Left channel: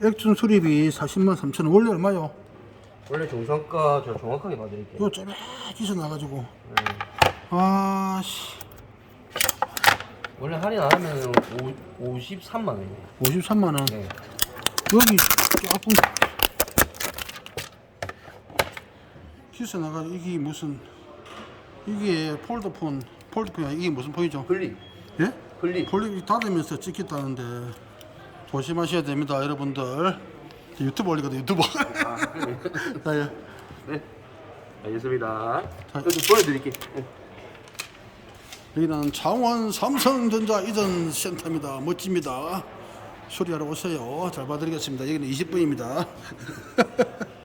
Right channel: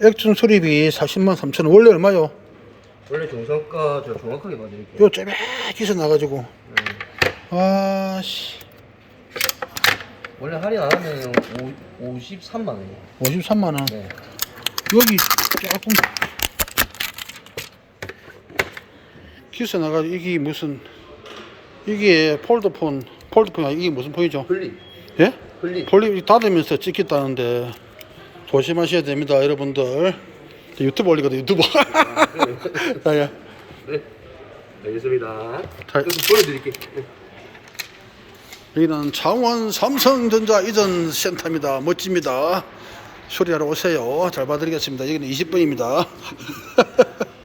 액준 수리비 40만 3천 원. 원래 얼마요? 원래 정상가 저 정확하게 봐드릴게요. 요 째배기서 나가지고. 아씨. 원래 할인 안 하면 53만 원. 53만 원. 네. 여기 조금 기서 나가지고 이게 무슨 이게 폴드폰이 이게 무슨 폰이죠? 플립. 예? 플립. 폴립 닫으면서 찍겠다는데 조심하셔야 됩니다, 여러분들. 유튜브 올리거든, 유튜브. 아, 예. 네. 알겠습니다. 자, 좀 보여드릴게요. 여기는 창원 삼성전자 이전 센터입니다. 멋집니다. 수리하러 오세요. 잘 봐드리겠습니다. 여기는 20분입니다.